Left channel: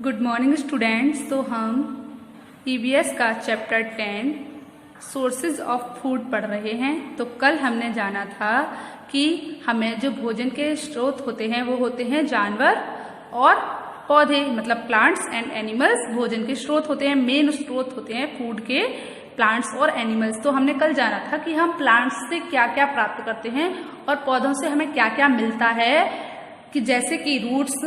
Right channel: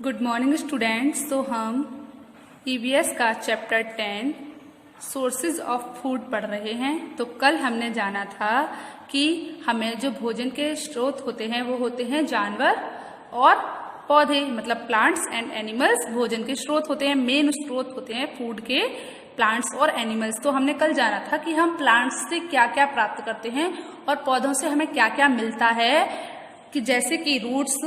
Good morning students. तो हम EVS का चैप्टर 10 सोर्सेज ऑफ फूड पढ़ रहे हैं। तो कल हमने जाना था कि हमें जो भोजन के स्रोत होते हैं वो होते हैं जानवर और पौधे, मतलब प्लांट्स एंड एनिमल्स भोजन के स्रोत होते हैं। मेन स्रोत होते हैं फूड के प्लांट्स और एनिमल्स। तो हमने कल जाना था कि हम प्लांट्स से क्या क्या प्राप्त करते हैं और पौधों से हमें क्या क्या मिलता है, कि जैसे कि रूट्स,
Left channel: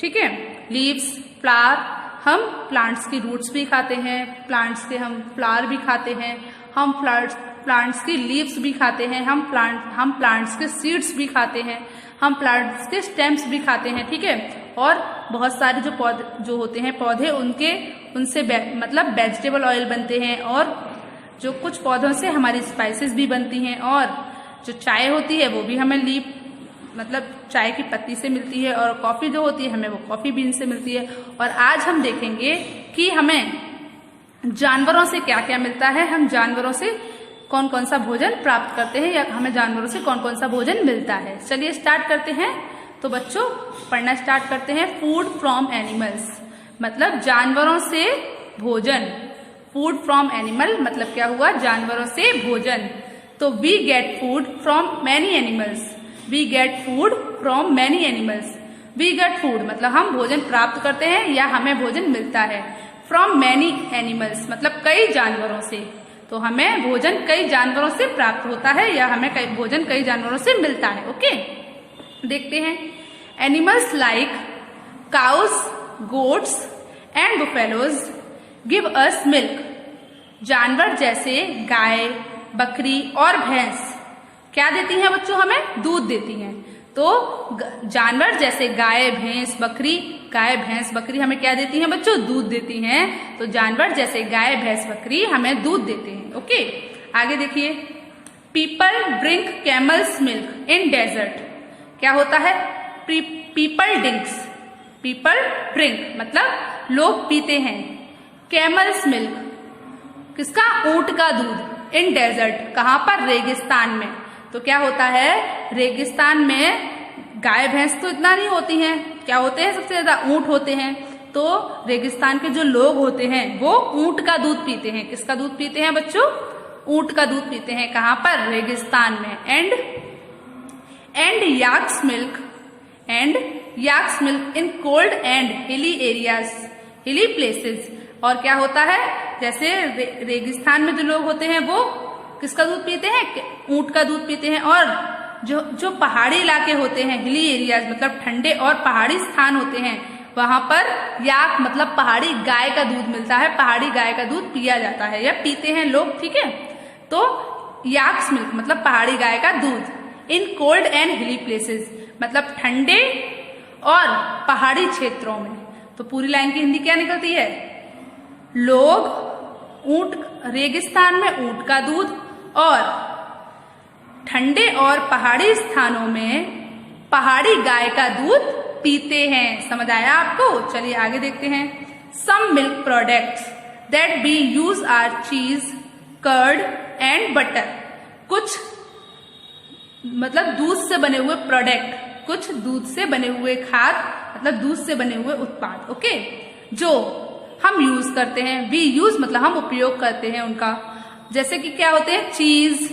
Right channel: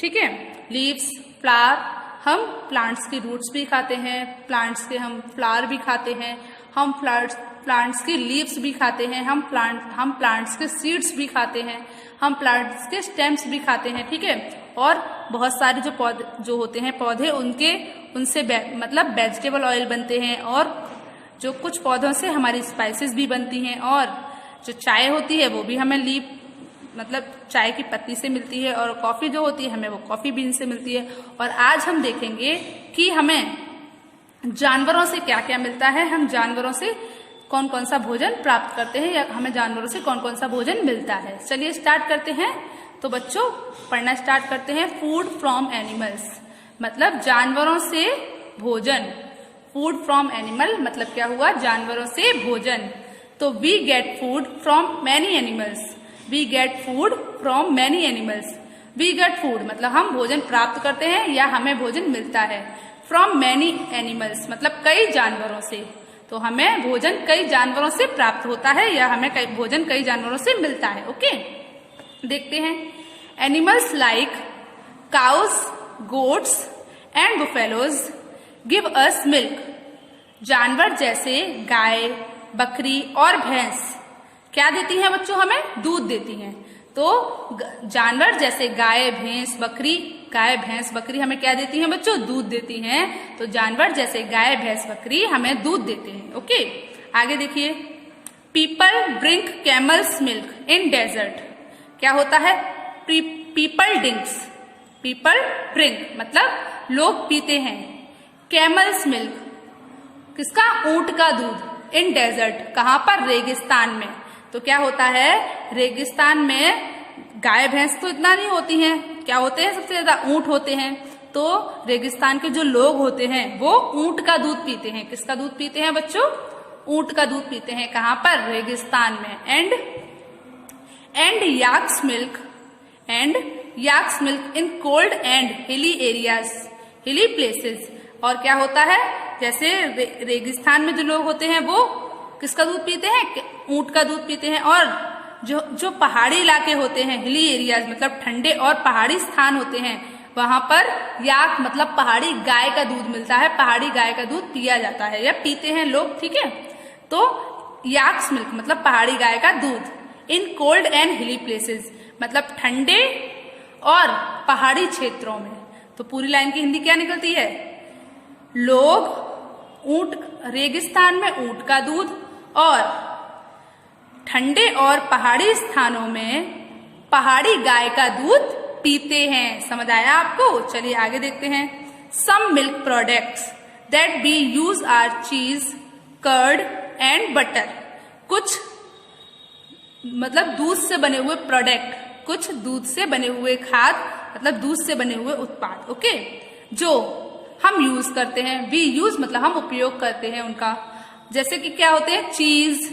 ठीक है, लीव्स, फ्लावर। हम प्लांट्स की रूट्स भी खाते हैं, प्लांट्स के हम फ्लावर भी खाते हैं, हम प्लांट्स की लीव्स भी खाते हैं, हम प्लांट्स के सीड्स भी खाते हैं, हम प्लांट्स के स्टेम्स भी खाते हैं, ठीक है। और बहुत सारे जो पौधे जो होते हैं पौधे उनसे मतलब वेजिटेबल ऑयल बनते हैं, और जो कुछ पौधों से हमारी स्पाइसेस भी बनती हैं, और जो चाय होती है वो भी हमें लीफ मतलब चाय की पत्ती से मिलती है, और कॉफी जो होती है हमें वो कॉफी बीन से मिलती है। और आज हम देखेंगे कि हमें जानवरों से क्या क्या मिलता है, हम जानवरों से कौन कौन सा भोजन प्राप्त करते हैं, या हमें जानवरों से कौन कौन सा भोजन मिलता है। चलिए स्टार्ट करते हैं। तो बच्चों पढ़ना स्टार्ट करते हैं। फूड फ्रॉम एनिमल्स मतलब जानवरों से भोजन। फूड फ्रॉम एनिमल मतलब क्या हुआ, जानवरों से भोजन। तो we get food from many animals. We get food from many animals. We get food मतलब हम भोजन प्राप्त करते हैं या हमें भोजन मिलता है। फ्रॉम मैनी एनिमल्स मतलब कई जानवरों से। तो हमें भोजन कई जानवरों से प्राप्त होता है या हमें भोजन कई जानवरों से मिलता है। ओके, देखते हैं। Animals like cows, goats and buffaloes give us milk. जानवर जैसे गाय, बकरी और भैंस क्या देती हैं बच्चों, हमें दूध देती हैं। तो जानवर जैसे गाय, भैंस, बकरी हमें क्या देती हैं बच्चों, दूध देती हैं। तो जानवर जैसे गाय, भैंस, बकरी हमें दूध देते हैं। ओके, आगे देखिए। People drink camel's milk in desert. क्या होता है, पीपल ड्रिंक मतलब लोग पीते हैं कैमल्स मिल्क, किसका, ऊंट का दूध, इन डेजर्ट कहाँ पर, रेगिस्तान में। तो क्या होता है, रेगिस्तान में गाय भैंस तो इतना नहीं होती हैं, क्या होते हैं सबसे ज्यादा, ऊंट होते हैं। तो रेगिस्तान के जो लोग होते हैं वो ऊंट का दूध पीते हैं। किसका दूध पीते हैं बच्चों, ऊंट का दूध पीते हैं। कहाँ पर, रेगिस्तान में। And yaks milk in cold and hilly areas, hilly places. और क्या होता है, जैसे रेगिस्तान में जो लोग होते हैं वो किसका दूध पीते हैं, ऊंट का दूध पीते हैं। और जो पहाड़ी इलाके होते हैं, हिली एरियाज मतलब ठंडे और पहाड़ी स्थान होते हैं, वहां पर याक मतलब पहाड़ी गाय का दूध मिलता है। पहाड़ी गाय का दूध पिया जाता है या पीते हैं लोग, ठीक है। तो याक्स मिल्क मतलब पहाड़ी गाय का दूध। इन कोल्ड एंड हिली प्लेसेस मतलब ठंडे और पहाड़ी क्षेत्रों में। तो पूरी लाइन की हिंदी क्या निकलती है, लोग रेगिस्तान में ऊंट का दूध और ठंडे और पहाड़ी स्थानों में पहाड़ी गाय का दूध पीते हैं। समझ आया आपको। चलिए आगे देखते हैं। Some milk products that we use are cheese, curd and butter. कुछ मतलब दूध से बने हुए प्रोडक्ट, कुछ दूध से बने हुए खाद्य मतलब दूध से बने हुए उत्पाद, ओके, जो हम यूज करते हैं। वी यूज मतलब हम उपयोग करते हैं उनका। जैसे कि क्या होते हैं, चीज,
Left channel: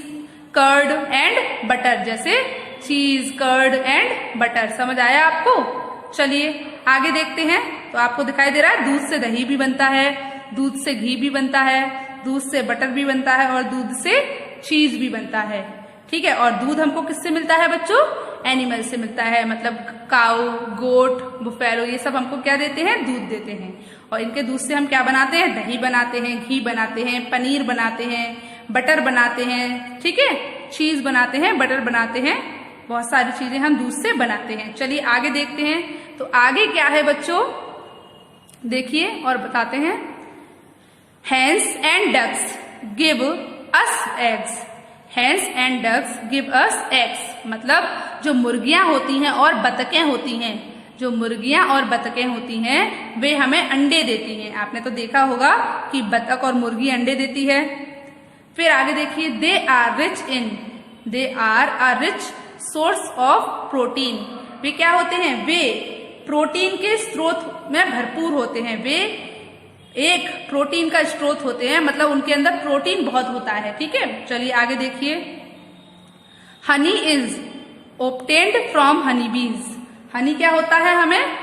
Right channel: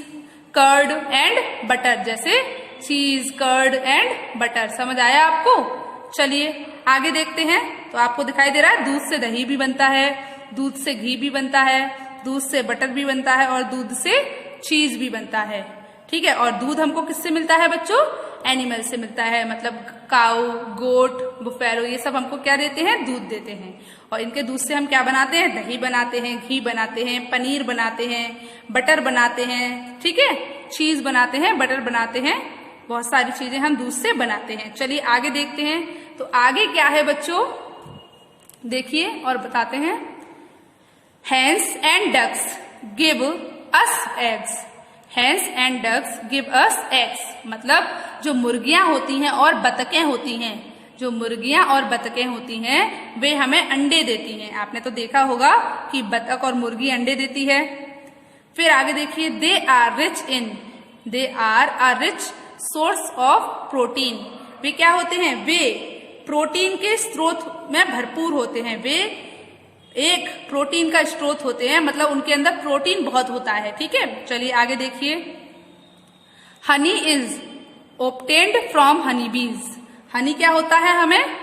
कर्ड एंड बटर। जैसे चीज, कर्ड एंड बटर। समझ आया आपको। चलिए आगे देखते हैं। तो आपको दिखाई दे रहा है दूध से दही भी बनता है, दूध से घी भी बनता है, दूध से बटर भी बनता है, और दूध से चीज भी बनता है, ठीक है। और दूध हमको किससे मिलता है बच्चों, एनिमल से मिलता है। मतलब काऊ, गोट, बुफेलो ये सब हमको क्या देते हैं, दूध देते हैं। और इनके दूध से हम क्या बनाते हैं, दही बनाते हैं, घी बनाते हैं, पनीर बनाते हैं, बटर बनाते हैं, ठीक है, चीज बनाते हैं, बटर बनाते हैं, बहुत सारी चीजें हम दूध से बनाते हैं। चलिए आगे देखते हैं। तो आगे क्या है बच्चों, देखिए और बताते हैं। Hens and ducks give us eggs. Hens and ducks give us eggs मतलब जो मुर्गियां होती हैं और बतखें होती हैं, जो मुर्गियां और बतखें होती हैं वे हमें अंडे देती हैं। आपने तो देखा होगा कि बतख और मुर्गी अंडे देती है। फिर आगे देखिए। They are a rich source of protein. वे क्या होते हैं, वे प्रोटीन के स्रोत में भरपूर होते हैं। वे एक प्रोटीन का स्रोत होते हैं, मतलब उनके अंदर प्रोटीन बहुत होता है। ठीक है, चलिए आगे देखिए। Honey is obtained from Honey बीज। हनी क्या होता है, हमें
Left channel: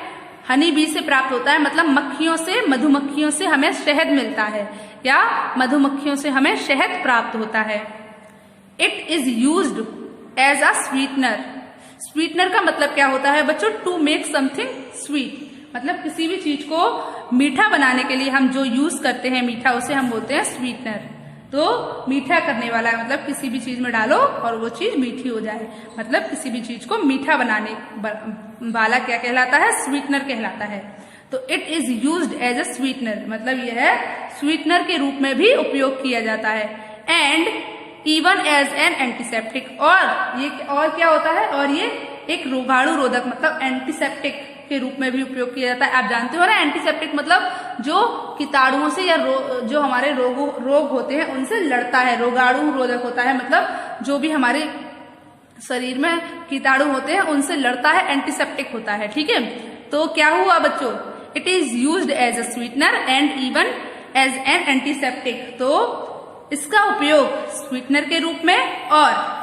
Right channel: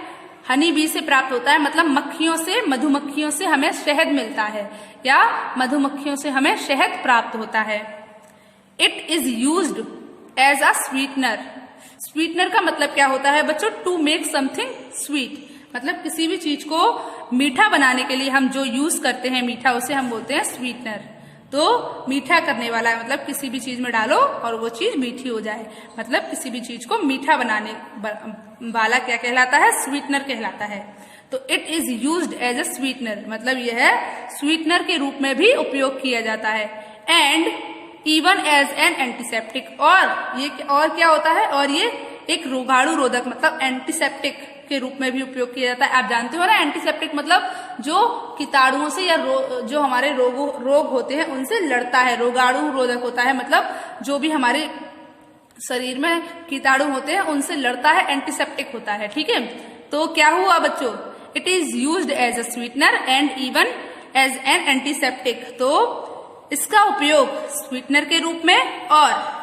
हनी बी से प्राप्त होता है, मतलब मक्खियों से, मधुमक्खियों से हमें शहद मिलता है, या मधुमक्खियों से हमें शहद प्राप्त होता है। It is used as a sweetener. Sweetener का मतलब क्या होता है बच्चों, टू मेक समथिंग स्वीट, मतलब किसी भी चीज को मीठा बनाने के लिए हम जो यूज करते हैं मीठा, उसे हम बोलते हैं स्वीटनर। तो मीठा करने वाला, मतलब किसी भी चीज में डालो और वो चीज मीठी हो जाए, मतलब किसी भी चीज को मीठा बनाने वाला क्या कहलाता है, स्वीटनर कहलाता है। तो it is used as a sweetener, मतलब यह है स्वीटनर के रूप में भी उपयोग किया जाता है। And even as an antiseptic, और क्या होता है, और ये एक रोगाणु रोधक, मतलब एंटीसेप्टिक के रूप में भी उपयोग किया जाता है। आप जानते हो ना, एंटीसेप्टिक मतलब जो कीटाणुओं से या जो हमारे रोग होते हैं उनसे लड़ता है, रोगाणु रोधक होता है, मतलब जो भी हमारे शरीर में कीटाणु होते हैं उनसे लड़ता है, एंटीसेप्टिक होता है। ठीक है, तो क्या हुआ बच्चों, it is used as a sweetener and even as an antiseptic. तो इसका उपयोग स्वीटनर के रूप में और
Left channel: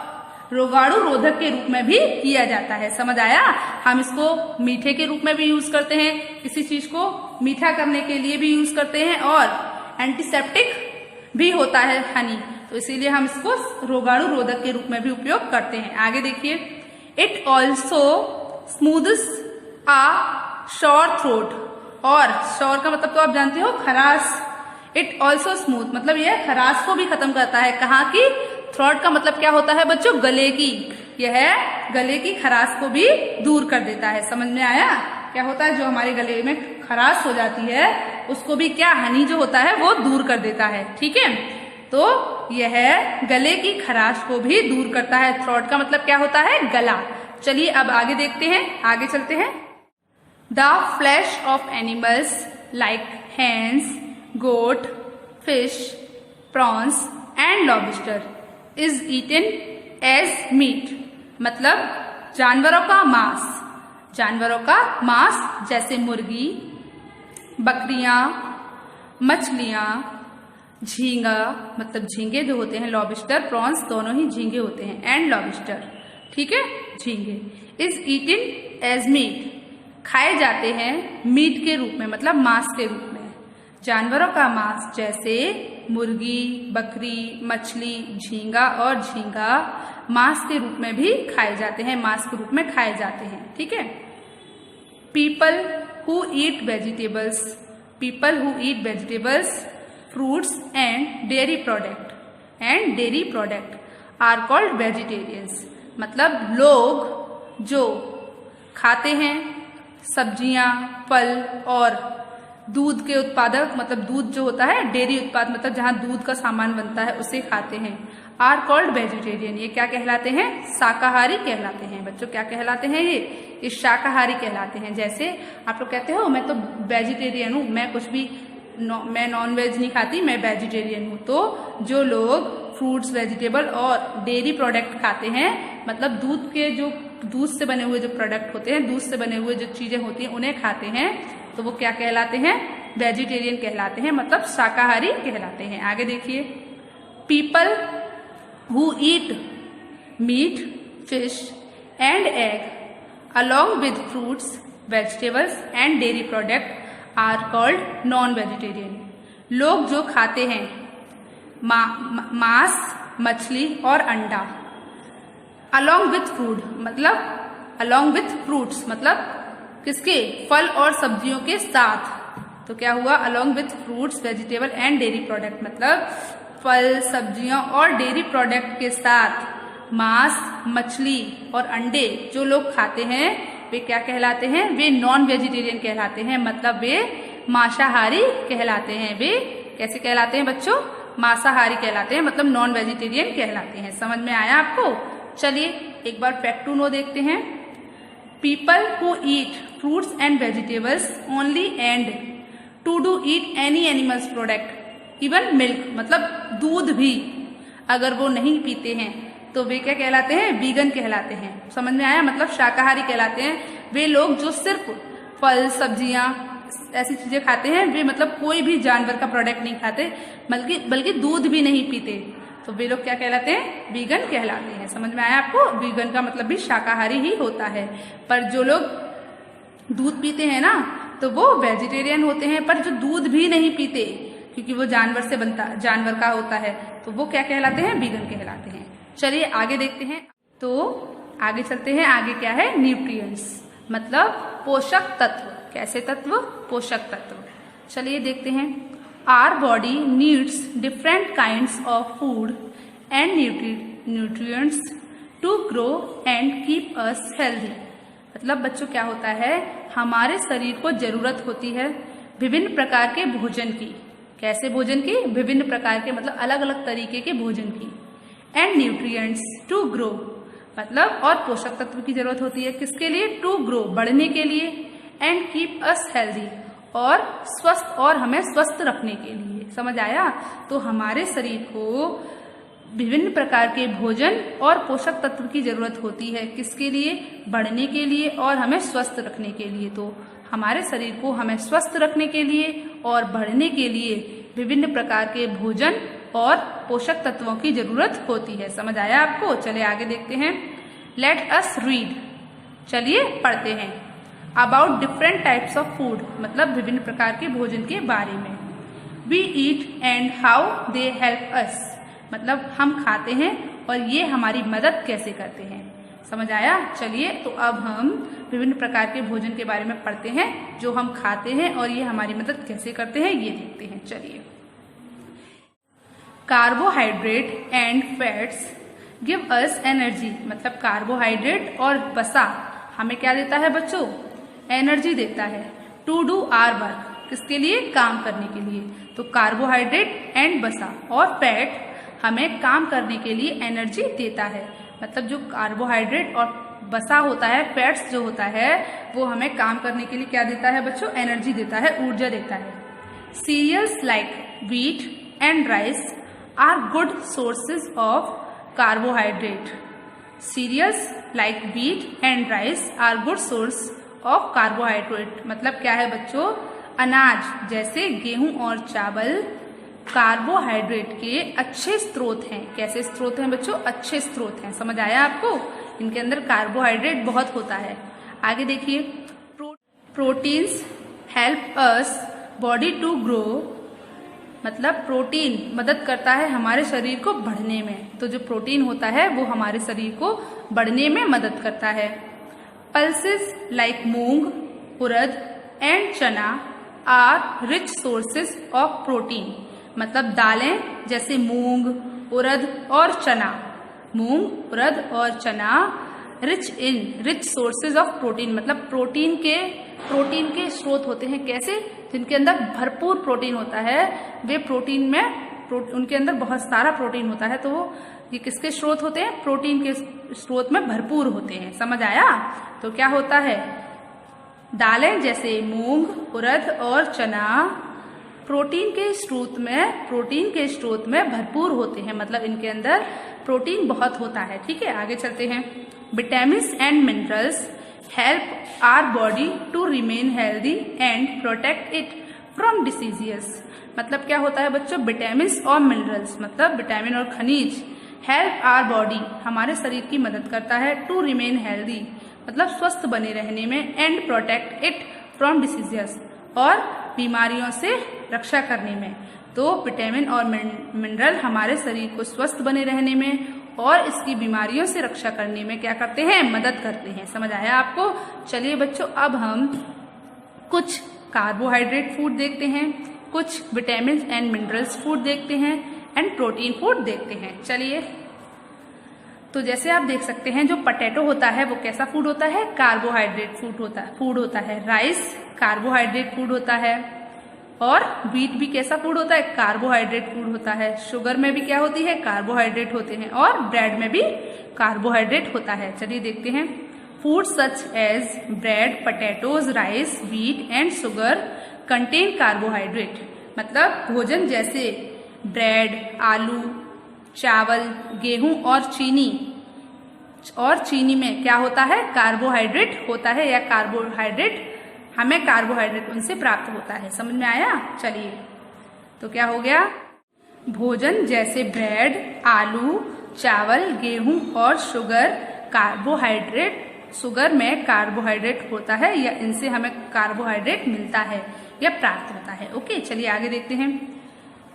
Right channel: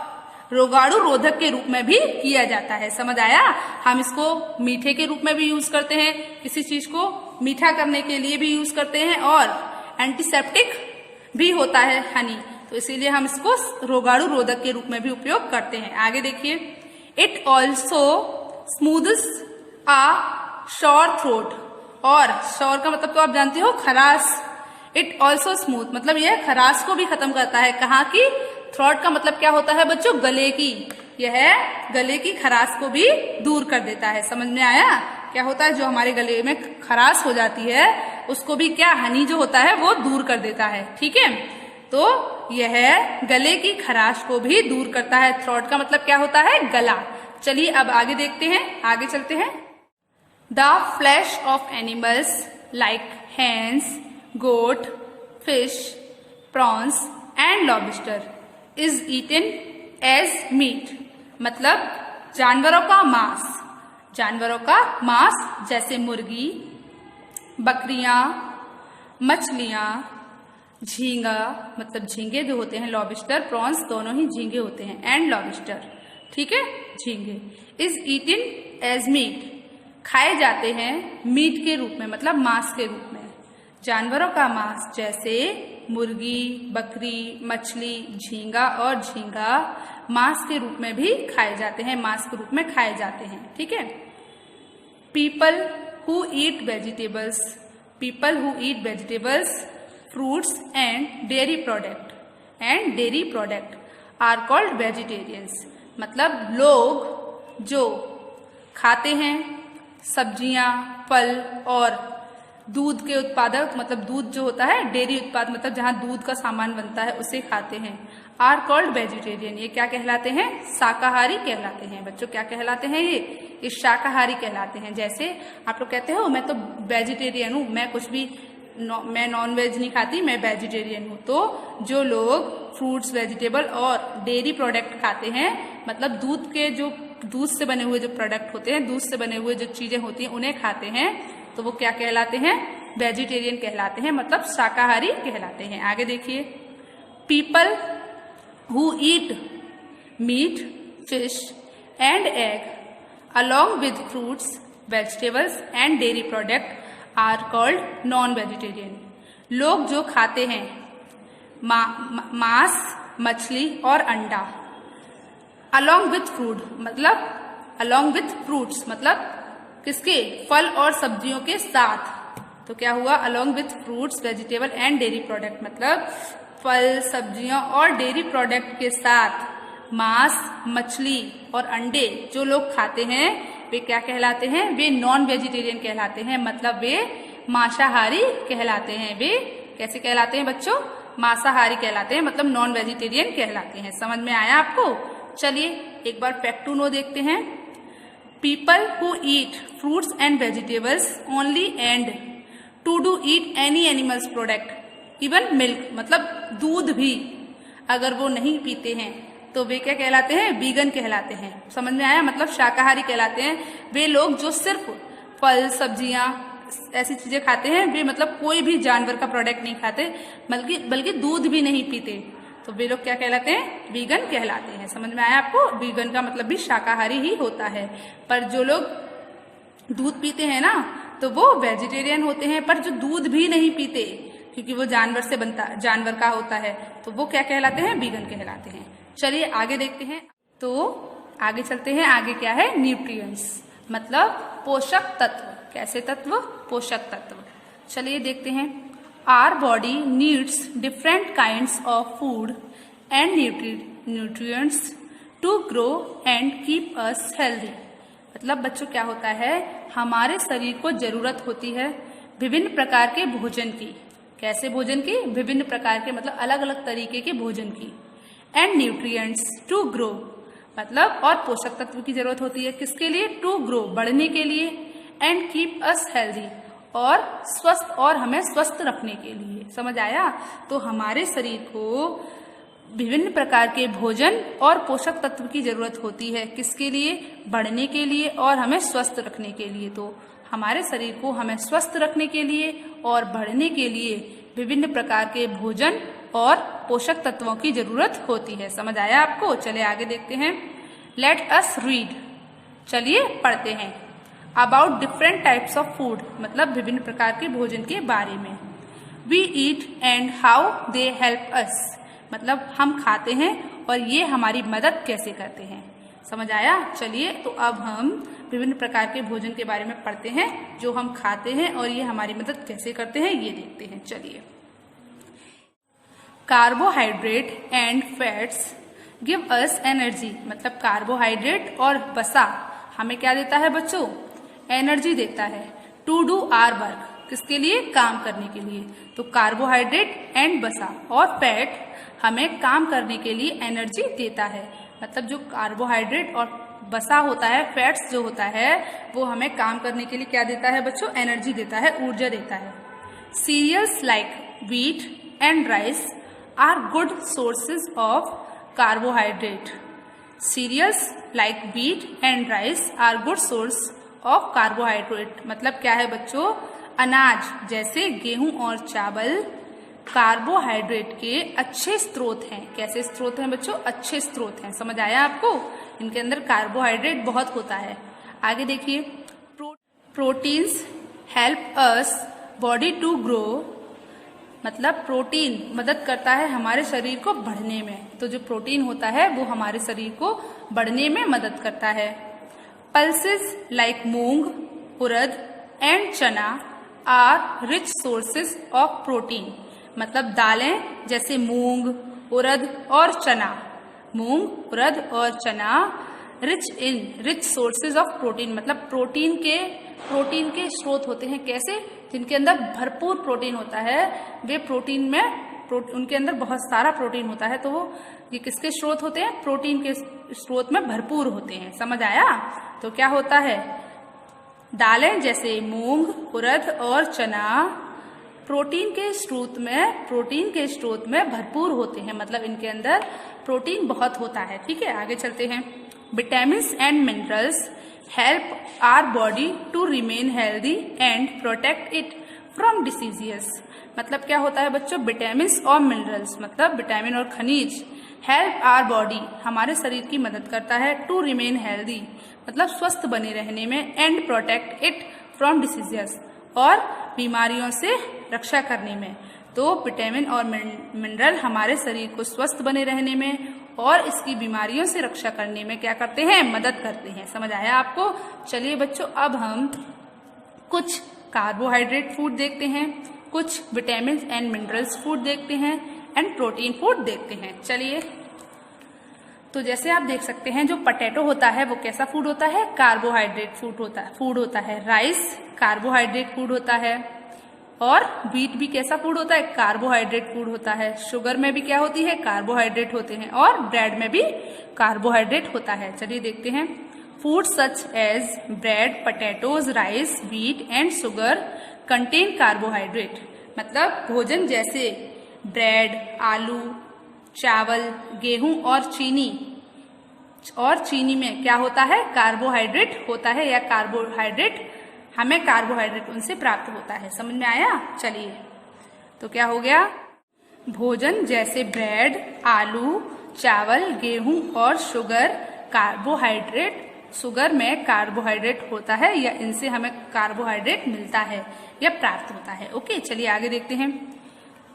रोगाणु रोधक के रूप में भी किया जाता है। समझ आया? हम इसको मीठे के रूप में भी यूज करते हैं, किसी चीज को मीठा करने के लिए भी यूज करते हैं, और एंटीसेप्टिक भी होता है हनी, तो इसीलिए हम इसको रोगाणु रोधक के रूप में भी उपयोग करते हैं। आगे देखिए। It also smooths a sore throat, और श्योर का मतलब तो आप जानते हो, खराश। इट ऑल्सो स्मूथ, मतलब यह खराश को भी खत्म करता है। कहाँ की? थ्रोट का मतलब क्या होता है बच्चों, गले की। यह गले की खराश को भी दूर कर देता है। समझ में आया? क्या होता है, जो हमारे गले में खराश हो जाती है उसको भी क्या, हनी जो होता है वो दूर कर देता है। ठीक है, तो यह गले की खराश को भी दूर करता है। थ्रोट का मतलब क्या होता है, गला। चलिए अब आगे देखते हैं, आगे चलते हैं। The flesh of animals like hens, goat, fish, prawns and lobster is eaten as meat, मतलब जानवरों का मांस। जानवरों का मांस जैसे मुर्गी, बकरियां, मछलियां, झींगा, मतलब झींगे जो होते हैं, लॉबस्टर, प्रॉन्स दोनों ही झींगे होते हैं, एंड लॉबस्टर। ठीक है, झींगे इज ईटन एज मीट, खाए जाते हैं मीट के रूप में, मतलब मांस के रूप में। जानवरों का मांस जैसे मुर्गी, बकरी, मछली, झींगा और झींगा मांस के रूप में भी खाए जाते हैं, मांस के रूप में खाए जाते हैं। ठीक है। People who eat vegetables, people who eat vegetables, fruits and dairy product are called vegetarians, मतलब लोग जो खाते हैं सब्जियां, फल और दूध के उत्पादक, मतलब दूध जो होता है, डेयरी उत्पाद, मतलब जहां दूध का सामान बनता है उसे खाते हैं, आर कॉल्ड वेजिटेरियन। ये क्या कहलाते हैं, शाकाहारी कहलाते हैं। बच्चों क्या कहलाते हैं, ये शाकाहारी कहलाते हैं। जैसे आप लोग कहते हो मैं तो वेजिटेरियन हूँ, मैं कुछ भी मैं नॉन वेज नहीं खाती, मैं वेजिटेरियन हूँ। तो जो लोग फ्रूट्स, वेजिटेबल और डेयरी प्रोडक्ट खाते हैं, मतलब दूध के जो दूध से बने हुए जो प्रोडक्ट होते हैं, दूध से बने हुए जो चीजें होती हैं उन्हें खाते हैं, तो वो क्या कहलाते हैं, वेजिटेरियन कहलाते हैं, मतलब शाकाहारी कहलाते हैं। आगे देखिए। People who eat meat, fish and egg along with fruits, vegetables and dairy product are called non vegetarian. लोग जो खाते हैं मांस, मछली और अंडा, अलॉन्ग विथ फ्रूट, मतलब अलॉन्ग विथ फ्रूट्स, मतलब किसके, फल और सब्जियों के साथ। तो क्या हुआ, along with fruits, vegetable and dairy product, मतलब फल, सब्जियों और डेयरी प्रोडक्ट के साथ मांस, मछली और अंडे जो लोग खाते हैं वे क्या कहलाते हैं, वे नॉन वेजिटेरियन कहलाते हैं, मतलब वे मांसाहारी कहलाते हैं। वे कैसे कहलाते हैं बच्चों, मांसाहारी कहलाते हैं, मतलब नॉन वेजिटेरियन कहलाते हैं। समझ में आया आपको? चलिए एक बार फैक्ट टू नो देखते हैं। People who eat fruits and vegetables only and to do eat any animals product even milk, मतलब दूध भी अगर वो नहीं पीते हैं तो वे क्या कहलाते हैं, वीगन कहलाते हैं। समझ में आया? मतलब शाकाहारी कहलाते हैं वे लोग जो सिर्फ फल सब्जियां ऐसी चीजें खाते हैं, वे मतलब कोई भी जानवर का प्रोडक्ट नहीं खाते, बल्कि दूध भी नहीं पीते, तो वे लोग क्या कहलाते हैं? वीगन कहलाते हैं। समझ में आया आपको? वीगन का मतलब भी शाकाहारी ही होता है। पर जो लोग दूध पीते हैं ना, तो वो वेजिटेरियन होते हैं। पर जो दूध भी नहीं पीते, क्योंकि वो जानवर का होता है, तो वो क्या कहलाते हैं? वीगन कहलाते हैं। चलिए आगे देखते हैं। तो आगे चलते हैं। आगे क्या है? न्यूट्रिएंट्स, मतलब पोषक तत्व। कैसे तत्व? पोषक तत्व। चलिए देखते हैं। Our body needs different kinds of food and nutrients to grow and keep us healthy. मतलब बच्चों क्या होता है? हमारे शरीर को जरूरत होती है विभिन्न प्रकार के भोजन की। कैसे भोजन की? विभिन्न प्रकार के, मतलब अलग अलग तरीके के भोजन की। एंड न्यूट्रिएंट्स टू ग्रो, मतलब और पोषक तत्व की जरूरत होती है किसके लिए? टू ग्रो, बढ़ने के लिए। एंड कीप अस हेल्दी, और स्वस्थ, और हमें स्वस्थ रखने के लिए। समझ आया? तो हमारे शरीर को विभिन्न प्रकार के भोजन और पोषक तत्व की जरूरत होती है किसके लिए? बढ़ने के लिए और हमें स्वस्थ रखने के लिए। तो हमारे शरीर को हमें स्वस्थ रखने के लिए और बढ़ने के लिए विभिन्न प्रकार के भोजन और पोषक तत्वों की जरूरत होती है। समझ आया आपको? चलिए आगे देखते हैं। लेट अस रीड, चलिए पढ़ते हैं। About different types of food, मतलब विभिन्न प्रकार के भोजन के बारे में। We eat and how they help us, मतलब हम खाते हैं और ये हमारी मदद कैसे करते हैं। समझ आया? चलिए तो अब हम विभिन्न प्रकार के भोजन के बारे में पढ़ते हैं जो हम खाते हैं और ये हमारी मदद कैसे करते हैं, ये देखते हैं। चलिए, carbohydrate and fats give us energy, मतलब कार्बोहाइड्रेट और वसा हमें क्या देता है बच्चों? एनर्जी देता है। टू डू आवर वर्क, किसके लिए? काम करने के लिए। तो कार्बोहाइड्रेट एंड वसा और फैट हमें काम करने के लिए एनर्जी देता है। मतलब जो कार्बोहाइड्रेट और वसा होता है, फैट्स जो होता है, वो हमें काम करने के लिए क्या देता है बच्चों? एनर्जी देता है, ऊर्जा देता है। Cereals like wheat and rice are good sources of carbohydrate. Cereals like wheat and rice are good source of carbohydrate, मतलब क्या है बच्चों? अनाज जैसे गेहूं और चावल कार्बोहाइड्रेट के अच्छे स्रोत हैं। कैसे स्रोत हैं बच्चों? अच्छे स्रोत हैं। समझ आया आपको? इनके अंदर कार्बोहाइड्रेट बहुत होता है। आगे देखिए। Proteins help us body to grow, मतलब प्रोटीन मदद करता है हमारे शरीर को बढ़ने में। तो जो प्रोटीन होता है वो हमारे शरीर को बढ़ने में मदद करता है। Pulses like moong, urad and chana are rich sources of protein, मतलब दालें जैसे मूंग, उड़द और चना। मूंग, उड़द और चना रिच सोर्सेज ऑफ प्रोटीन, मतलब प्रोटीन के स्रोत होते हैं। कैसे? जिनके अंदर भरपूर प्रोटीन होता है, वे प्रोटीन में उनके अंदर बहुत सारा प्रोटीन होता है, तो वो ये किसके स्रोत होते हैं? प्रोटीन के स्रोत में भरपूर होते हैं। समझ आया? तो क्या होता है? दालें जैसे मूंग, उड़द और चना प्रोटीन के स्रोत में भरपूर होते हैं, मतलब इनके अंदर प्रोटीन बहुत होता है। ठीक है, आगे चलते हैं। Vitamins and minerals help our body to remain healthy and protect it from diseases, मतलब क्या होता है बच्चों? विटामिन्स और मिनरल्स, मतलब विटामिन और खनिज हेल्प आवर बॉडी, हमारे शरीर की मदद करता है। टू रिमेन हेल्दी, मतलब स्वस्थ बने रहने में। And protect it from diseases, और बीमारियों से रक्षा करने में। तो विटामिन और मिनरल हमारे शरीर को स्वस्थ बने रहने में और इसकी बीमारियों से रक्षा करने में क्या करते हैं? मदद करते हैं। समझ आया आपको? चलिए बच्चों, अब हम कुछ कार्बोहाइड्रेट फूड देखते हैं, कुछ विटामिन एंड मिनरल्स फूड देखते हैं एंड प्रोटीन फूड देखते हैं। चलिए, तो जैसे आप देख सकते हैं जो पोटैटो होता है वो कैसा फूड होता है? कार्बोहाइड्रेट फूड होता है। राइस कार्बोहाइड्रेट फूड होता है, और व्हीट भी कैसा फूड होता है? कार्बोहाइड्रेट फूड होता है। शुगर में भी क्या होती है? कार्बोहाइड्रेट होते हैं, और ब्रेड में भी कार्बोहाइड्रेट होता है। चलिए देखते हैं। Food such as bread, potatoes, rice, wheat and sugar contain carbohydrate, मतलब भोजन जैसे ब्रेड, आलू, चावल, गेहूं और चीनी में क्या होता है? कार्बोहाइड्रेट होता है, या कार्बोहाइड्रेट हमें कार्बोहाइड्रेट उनसे प्राप्त होता है। समझ में आया? चलिए, तो क्या हो गया? भोजन जैसे ब्रेड, आलू, चावल, गेहूं और शुगर शुगर में कार्बोहाइड्रेट होता है या इनसे हमें कार्बोहाइड्रेट मिलता है या प्राप्त होता है। ओके, चलिए आगे देखते हैं।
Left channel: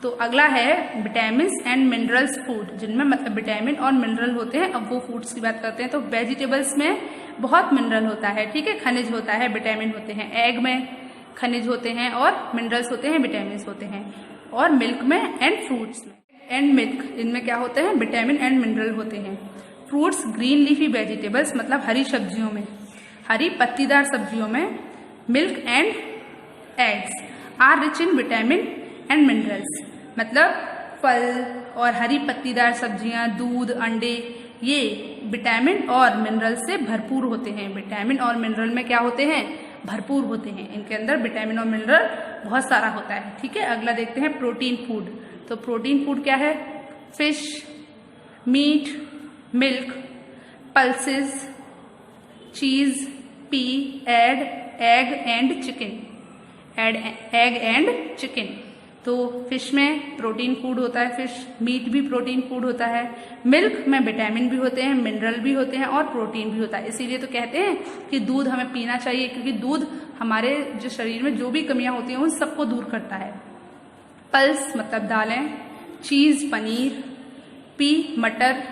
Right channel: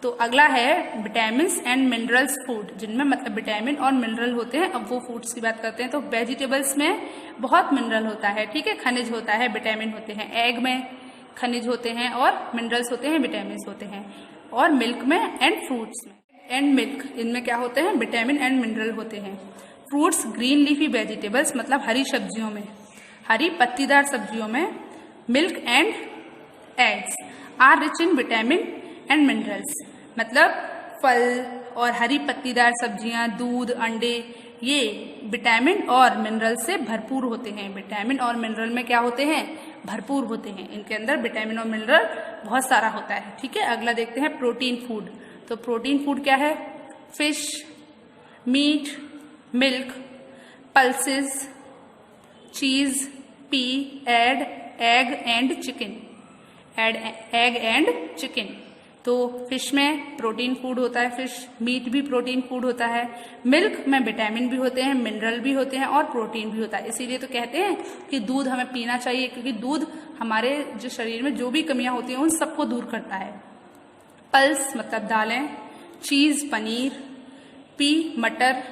तो अगला है विटामिन एंड मिनरल्स फूड, जिनमें मतलब विटामिन और मिनरल होते हैं। अब वो फूड्स की बात करते हैं। तो वेजिटेबल्स में बहुत मिनरल होता है, ठीक है, खनिज होता है, विटामिन होते हैं। एग में खनिज होते हैं और मिनरल्स होते हैं, विटामिन होते हैं। और मिल्क में एंड फ्रूट्स में एंड मिल्क, इनमें क्या होते हैं? विटामिन एंड मिनरल होते हैं। फ्रूट्स, ग्रीन लीफी वेजिटेबल्स मतलब हरी सब्जियों में, हरी पत्तीदार सब्जियों में, milk and eggs are rich in vitamin and minerals मतलब फल और हरी पत्तीदार सब्जियां, दूध, अंडे, ये विटामिन और मिनरल से भरपूर होते हैं। विटामिन और मिनरल में क्या होते हैं? भरपूर होते हैं। इनके अंदर विटामिन और मिनरल बहुत सारा होता है, ठीक है। अगला देखते हैं प्रोटीन फूड। तो प्रोटीन फूड क्या है? फिश, मीट, मिल्क, पल्सेस, चीज, P, egg and chicken. Egg and chicken. तो फिश में प्रोटीन फूड होता है, फिश। मीट भी प्रोटीन फूड होता है। मिल्क में विटामिन भी होते हैं, मिनरल भी होते हैं और प्रोटीन भी होता है। इसीलिए तो कहते हैं कि दूध हमें पीना चाहिए, क्योंकि दूध हमारे जो शरीर में जो भी कमियां होती हैं उन सबको दूर करता है। पल्स मतलब दालें, चीज पनीर, पी मटर,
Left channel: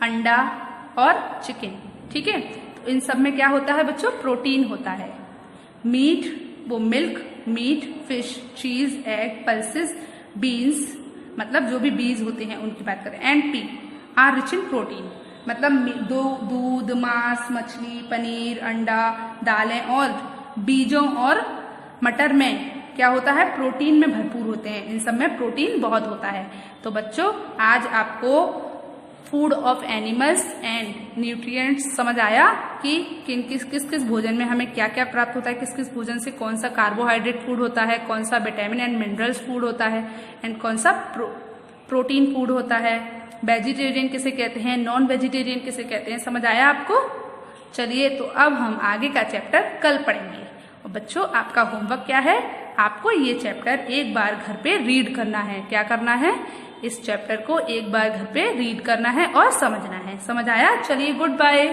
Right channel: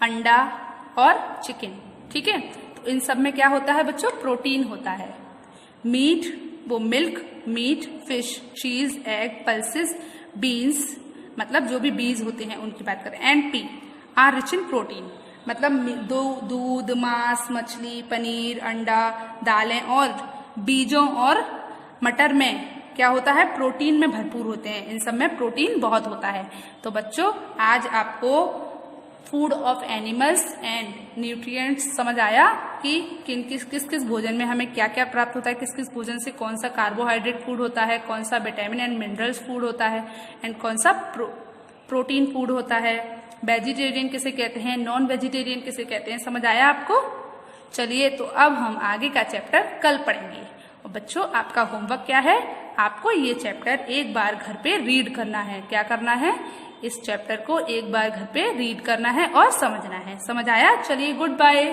अंडा और चिकन, ठीक है। तो इन सब में क्या होता है बच्चों? प्रोटीन होता है। मीट, वो मिल्क, मीट, फिश, चीज, एग, पल्सेस, बीन्स मतलब जो भी बीज होते हैं उनकी बात करें। And P R rich in protein मतलब दूध, मांस, मछली, पनीर, अंडा, दालें और बीजों और मटर में क्या होता है? प्रोटीन में भरपूर होते हैं। इन सब में प्रोटीन बहुत होता है। तो बच्चों, आज आपको food of animals and nutrients समझ आया कि किस किस भोजन में हमें क्या क्या प्राप्त होता है, किस किस भोजन से कौन सा कार्बोहाइड्रेट फूड होता है, कौन सा विटामिन एंड मिनरल्स फूड होता है एंड कौन सा प्रोटीन फूड होता है। वेजिटेरियन किसे कहते हैं, नॉन वेजिटेरियन किसे कहते हैं, समझ आया आपको? चलिए, तो अब हम आगे का चैप्टर कल पढ़ेंगे। और बच्चों, आपका होमवर्क क्या है? आपको ये चैप्टर एक बार घर पे रीड करना है। क्या करना है? इस चैप्टर को एक बार घर पे रीड करना है और समझना है। समझ आया? चलिए, गुड बाय।